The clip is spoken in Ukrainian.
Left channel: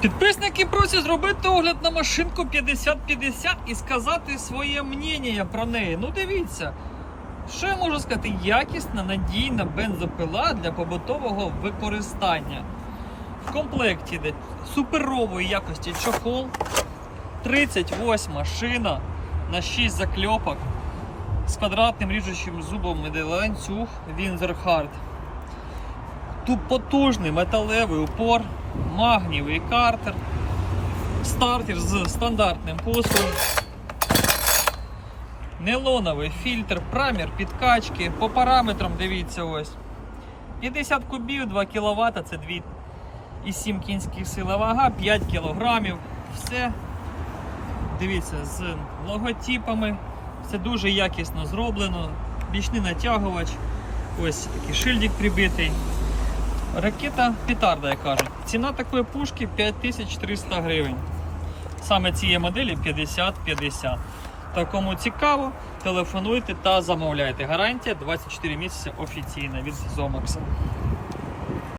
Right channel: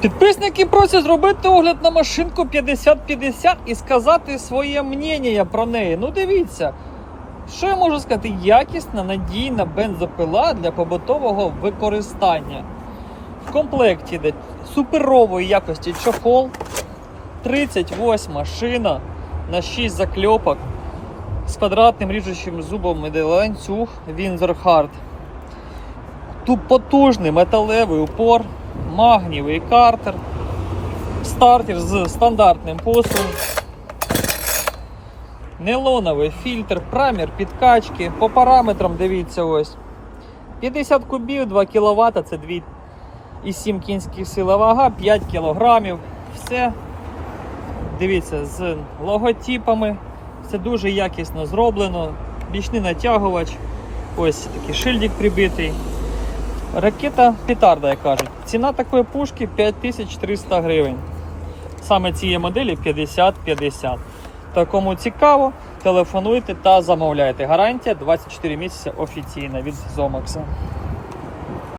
Підписники просять зробити огляд на машинку 5050 і сказати своє мнення про неї. Ну дивіться, що я можу сказати? Якісна, надійна бензопила для побутового використання. В комплекті йде суперової якості чохол, 38 шина на 6 закльопок з квадратним ріжучим зубом іде ланцюг Hard. Тут потужний металевий упор, магнієвий картер, стартер з стандартним посилом, нейлоновий фільтр, прамір підкачки. По параметрам дивіться ось. 50 кубів, 2 кВт, це 2,7 кінських сила вага, 5 кг. Все. Дивіться, з логотипами. Це дуже якісно зроблено. Бічний натягувач. Ось такий шильдик прибитий. Ракета петарда, як кажуть. Ціна такої пушки 5300 гривень. Саме цієї моделі 50-50. Та кому цікаво, телефонуйте та замовляйте. Гарантія 24 місяці офіційна від Зомакса.